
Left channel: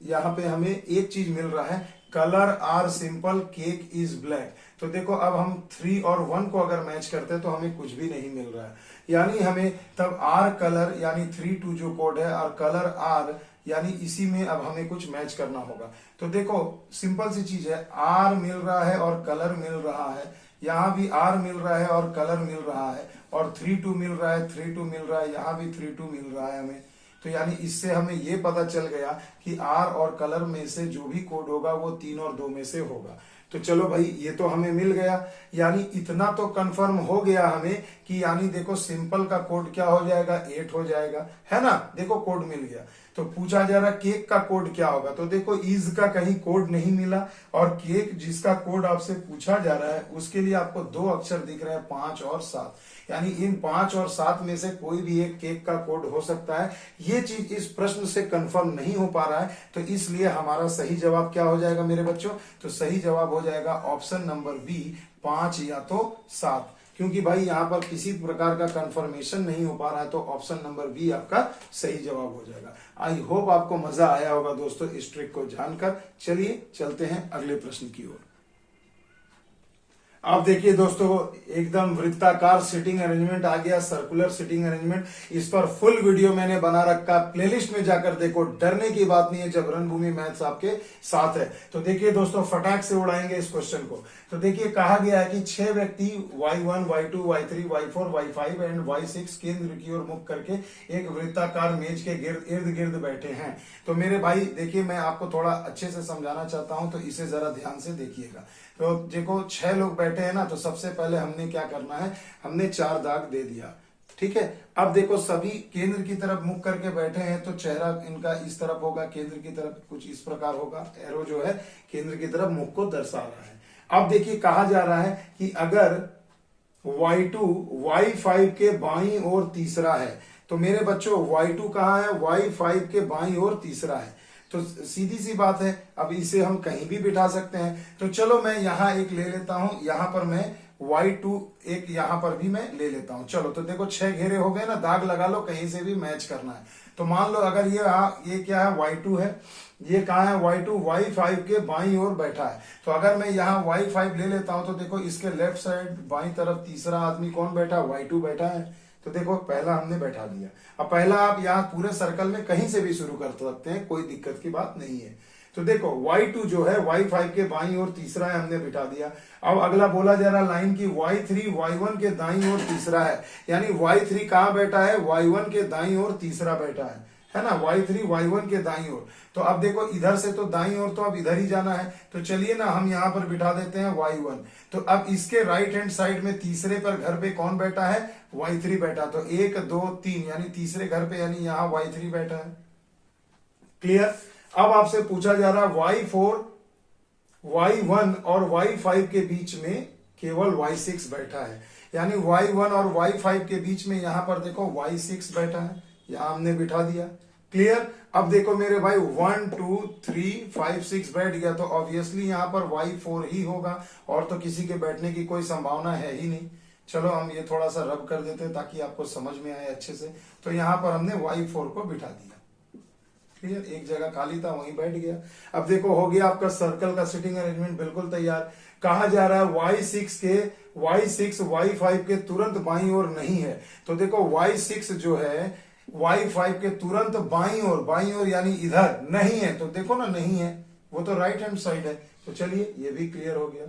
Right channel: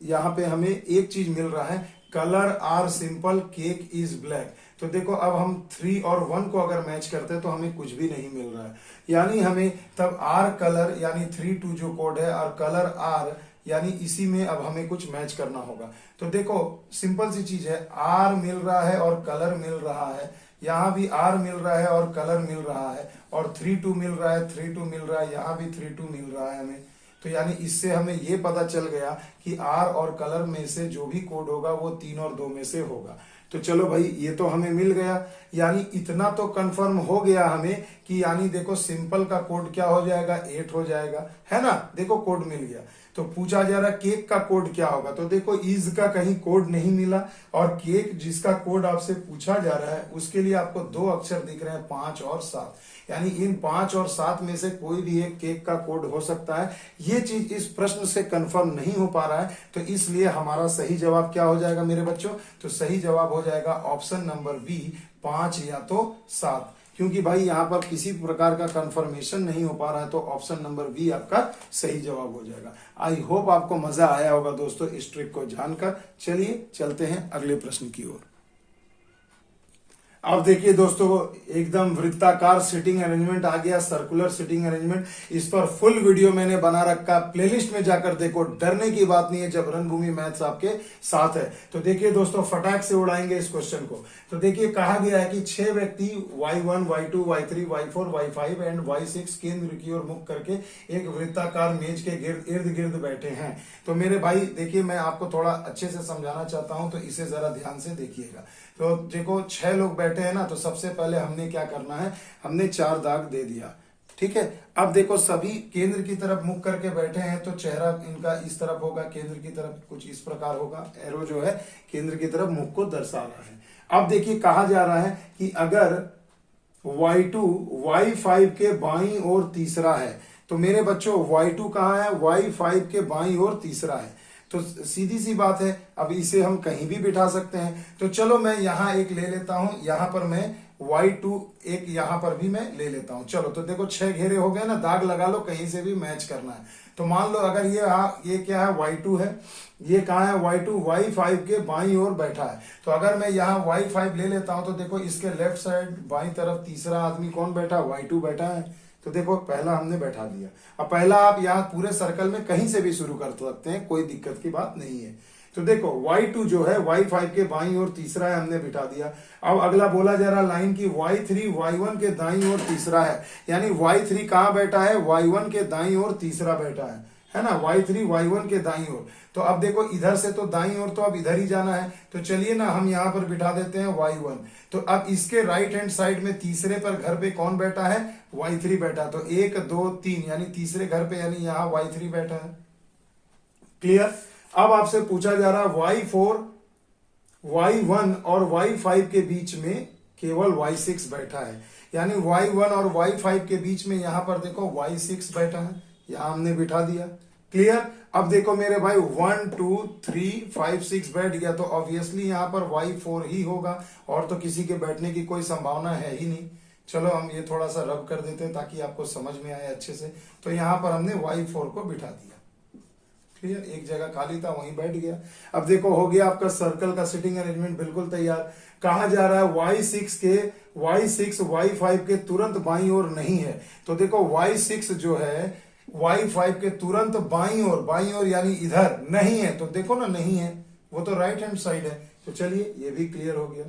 यहाँ पे हमें एक चीज मिल रहा है, colour are simple cake is black. तो देखो अब हम 3 और 1 को अगर मैच करते हैं तो हमें कुछ भी नहीं मिल रहा है, यानी हमें तब आर कलर यानी 3 2 जो कोड है और कलर आर यानी इसी में अब हमें कुछ मैच करना होगा। तो देखो सिंपल सी चीज है, आर मिल रहा है और कलर मिल रहा है, यहाँ भी आर मिल रहा है और कलर मिल रहा है, और 3 2 मिल रहा है, 3 2 मिल रहा है, यहाँ भी 3 2 मिल रहा है हमें। तो यानी इससे हमें ये पता चल गया कि आर और कलर में से जो भी कोड होगा वो 3 और 2 में से होगा। तो चलो भाई, ये तो हमें मिल गया, यानी इतना तो कंफर्म हो गया हमें कि यानी देखो सिंपल का कोड क्या हो जाएगा, 8 हो जाएगा, है ना। देखो कोड मिल गया। तो पूछा जा रहा केक का कोड क्या होगा, तो देखो इज का कहीं कोड नहीं मिला, और केक जिसका कोड आपसे पूछा जा रहा है उसके लिए आपको 2 अक्षर दिख रहे हैं, 5 और 7। यानी इन 5 और 7 में से कोई भी एक केक का कोड हो सकता है। ये चीज इस प्रश्न से कंफर्म नहीं हो पा रहा है, तो इसलिए हमारा सही जवाब क्या हो जाएगा मेरे बच्चों, तो सही जवाब हो जाएगा ऑप्शन नंबर बी, 5 या तो 7। क्योंकि भाई यहाँ पर किसी प्रकार का कंफर्मेशन नहीं हो पा रहा है, तो ऑप्शन नंबर बी आपका सही जवाब हो जाएगा। आई होप आपको मजा आया होगा दोस्तों इस ट्रिक को जानकर। चलिए चलते हैं अगले प्रश्न की ओर। अब देखिए दोस्तों, एकदम वृत्ताकार सिटिंग अरेंजमेंट आ गया, सर्कुलर सिटिंग अरेंजमेंट। इस पर फुल वीडियो मैंने बना रखा, प्लेलिस्ट में जाकर देखो, डरने की बात नहीं है जब रणभूमि मैथ्स आपके साथ है। तो देखिए दोस्तों, फटाक से उड़ाएंगे इस क्वेश्चन को। तो देखिए कहा गया है कि 6 व्यक्ति y1 y2 y3 y4 y5 and y6 केंद्र की ओर मुख करके एक वृत्ताकार मेज के इर्द गिर्द बैठे हैं। तो मेरे भाई देखिए, मैं आपको थोड़ा अच्छे से समझाना चाहता हूं, तो इसे जरा ध्यान से देखिएगा। तो देखो 6 लोग बैठे हैं ना, तो सबसे पहले हमने क्या करना है, हमने 4 दाग दे दिया, ठीक है। अब देखो सभी केंद्र की तरफ मुख करके बैठे हैं, तो चेहरा इनका इस तरफ होगा, केंद्र की तरफ कुछ इस प्रकार होगा, एरो जो है केंद्र की तरफ मुख को दर्शा रहा है। अब देखिए कहा जा रहा है कि अगर y2 y5 के बाईं ओर तीसरा है, तो मेरे बच्चों y2 कहाँ है, y5 के बाईं ओर तीसरा है। तो सीधी सी बात है, अब इसे हम कहीं भी बिठा सकते हैं। तो चलो मैं यहाँ एक ले लेता हूं, यहां पर मैं y2 एक यहां पर भी मैं ले लेता हूं। चलो तो देखो 6 घेरे हो गए ना, दाग लगा लो, कहीं से भी मैच करना है। तो मान लो अगर ये क्या है, y2 है, ये कहाँ है, y2 y5 के बाईं ओर बैठा है। तो अगर मैं यहाँ y5 ले लेता हूं, तो देखो इसके लेफ्ट साइड बाईं तरफ तीसरा आदमी कौन बैठा, y2 बैठा है। तो देखो पहला हमने बैठा दिया। अब पहला आप यहाँ पूरे सर्कल में कहीं से भी शुरू कर सकते हैं, कोई दिक्कत की बात नहीं है। तो देखो y2 जो है y5 के बाईं ओर तीसरा है, हमने बिठा दिया। अब अगला बोला जा रहा लाइन की y3 y1 के दाईं ओर तीसरा है, यानी y3 कहां बैठा है, y1 के दाईं ओर तीसरा बैठा है ना, y3 y1 के दाईं ओर। तो अब देखो इधर से तो दाईं ओर तो अब इधर ही जाना है, तो चलिए ना हम यहां पर बिठा देते हैं y1। तो अब इसके राइट हैंड साइड में तीसरे पर घर पे कौन बैठा है, y3 बैठा। तो 1 2 3 यानी तीसरे घर पे, यानी यहां y3 बैठा है। क्लियर। अब आपसे पूछा जा रहा है y4 y1 और y5 के बीच में केवल y6 बैठा है, यानी y1 और y5 के बीच में यहां पर देखो y6 बैठा है, यहां हमने बिठा दिया। क्लियर। अब देखो मेरे भाई 1 2 3 5 6 बैठ गया, तो ऑब्वियसली यहां पर y4 ही होगा, और तो किसी के बैठने की कोई संभावना है ही नहीं। चलो हम ये थोड़ा सा रब कर देते हैं ताकि आपको समझ में आए अच्छे से। तो यहां पर हमने y4 को बिठा दिया। क्लियर। एक जगह खाली था वहीं बैठ गया। अब देखो हो गया आपका सर्कल का सिटिंग अरेंजमेंट बिल्कुल तैयार। कहा जा रहा है y6 y5 के तुरंत बाईं ओर नहीं है। तो देखो y6 जो है y5 के तुरंत बाईं ओर यानी इधर नहीं है। तो देखो ना नहीं है, वो तो राइट हैंड साइड है। तो चलिए ये भी क्लियर हो गया।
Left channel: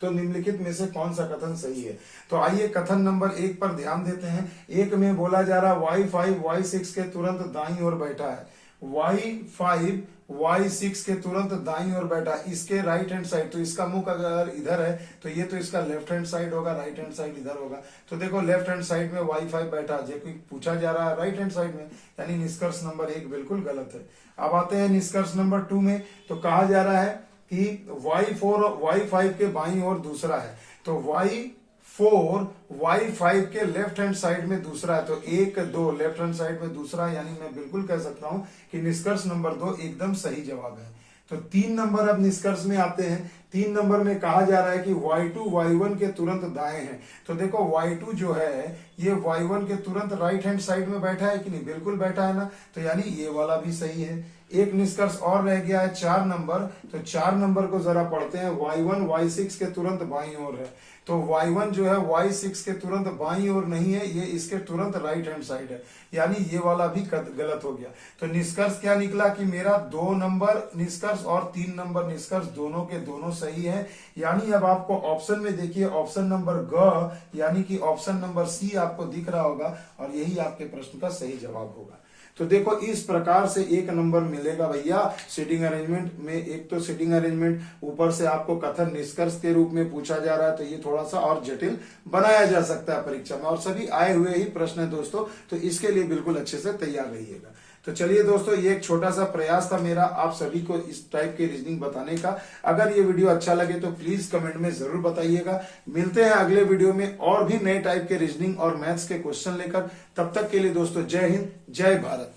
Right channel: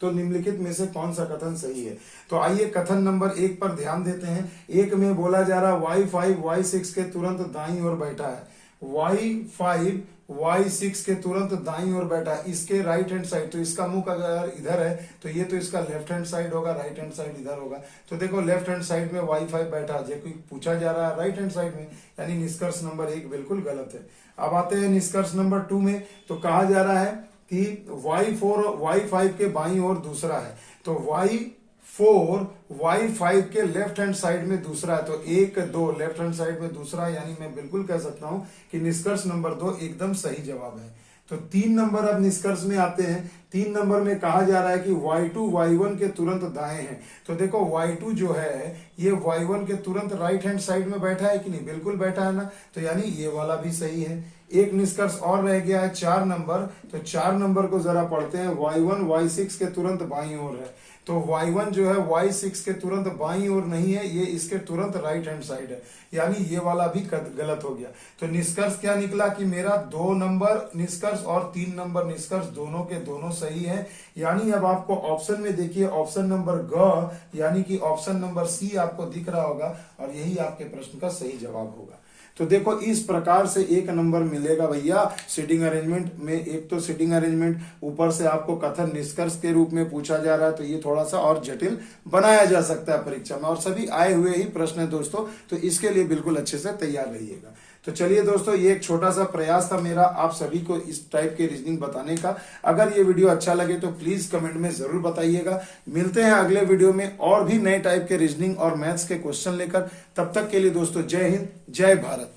तो निम्नलिखित में से कौन सा कथन सही है। तो आइए कथन नंबर 1 पर ध्यान देते हैं। एक में बोला जा रहा y5 y6 के तुरंत दाईं ओर बैठा है, y5 y6 के तुरंत दाईं ओर बैठा है, इसके राइट हैंड साइड। तो इसका मुख अगर इधर है तो ये तो इसका लेफ्ट हैंड साइड होगा, राइट हैंड साइड इधर होगा। तो देखो लेफ्ट हैंड साइड में y5 बैठा है, जबकि पूछा जा रहा है राइट हैंड साइड में, यानी निष्कर्ष नंबर 1 बिल्कुल गलत है। अब आते हैं निष्कर्ष नंबर 2 में। तो कहा जा रहा है कि y4 y5 के बाईं ओर दूसरा है, तो y4 y5 के लेफ्ट हैंड साइड में दूसरा है। तो 1 2 लेफ्ट हैंड साइड में दूसरा है, यानी मैं बिल्कुल कह सकता हूं कि निष्कर्ष नंबर 2 एकदम सही जवाब है। तो 3 नंबर अब निष्कर्ष में आते हैं। 3 नंबर में कहा जा रहा है कि y2 y1 के तुरंत दाएं हैं। तो देखो y2 जो है ये y1 के तुरंत राइट हैंड साइड में बैठा है कि नहीं, बिल्कुल बैठा है ना। तो यानी ये वाला भी सही है। एक निष्कर्ष और रह गया है 4 नंबर। तो 4 नंबर को जरा पढ़ते हैं। y1 y6 के तुरंत बाईं ओर है, तो y1 जो है y6 के तुरंत बाईं ओर नहीं है, ये इसके तुरंत राइट हैंड साइड है, यानी ये वाला भी गलत हो गया। तो निष्कर्ष क्या निकला कि मेरा 2 नंबर निष्कर्ष और 3 नंबर निष्कर्ष दोनों के दोनों सही है। यानी अब आपको ऑप्शन में देखिए, ऑप्शन नंबर ग यानी कि ऑप्शन नंबर सी आपको दिख रहा होगा, और यही आपके प्रश्न का सही जवाब होगा। तो देखो इस प्रकार से 1 नंबर मिलेगा भैया सिटिंग अरेंजमेंट में। एक तो सिटिंग अरेंजमेंट, ऊपर से आपको कथन निष्कर्ष के रूप में पूछा जा रहा है, तो ये थोड़ा सा और जटिल बनाया जा सकता है परीक्षा में, और सभी आए हुए ही प्रश्न है दोस्तों, तो इसके लिए बिल्कुल अच्छे से तैयार रहिएगा। तो चलिए दोस्तों, ये एक छोटा सा प्रयास था मेरा आप सभी को इस टाइप के रीजनिंग बताने का। अगर ये वीडियो अच्छा लगे तो प्लीज कमेंट में जरूर बताइएगा। मिलते हैं अगले वीडियो में और भी नए टाइप के रीजनिंग और मैथ्स के क्वेश्चन लेकर। तब तक के लिए दोस्तों जय हिंद, जय भारत।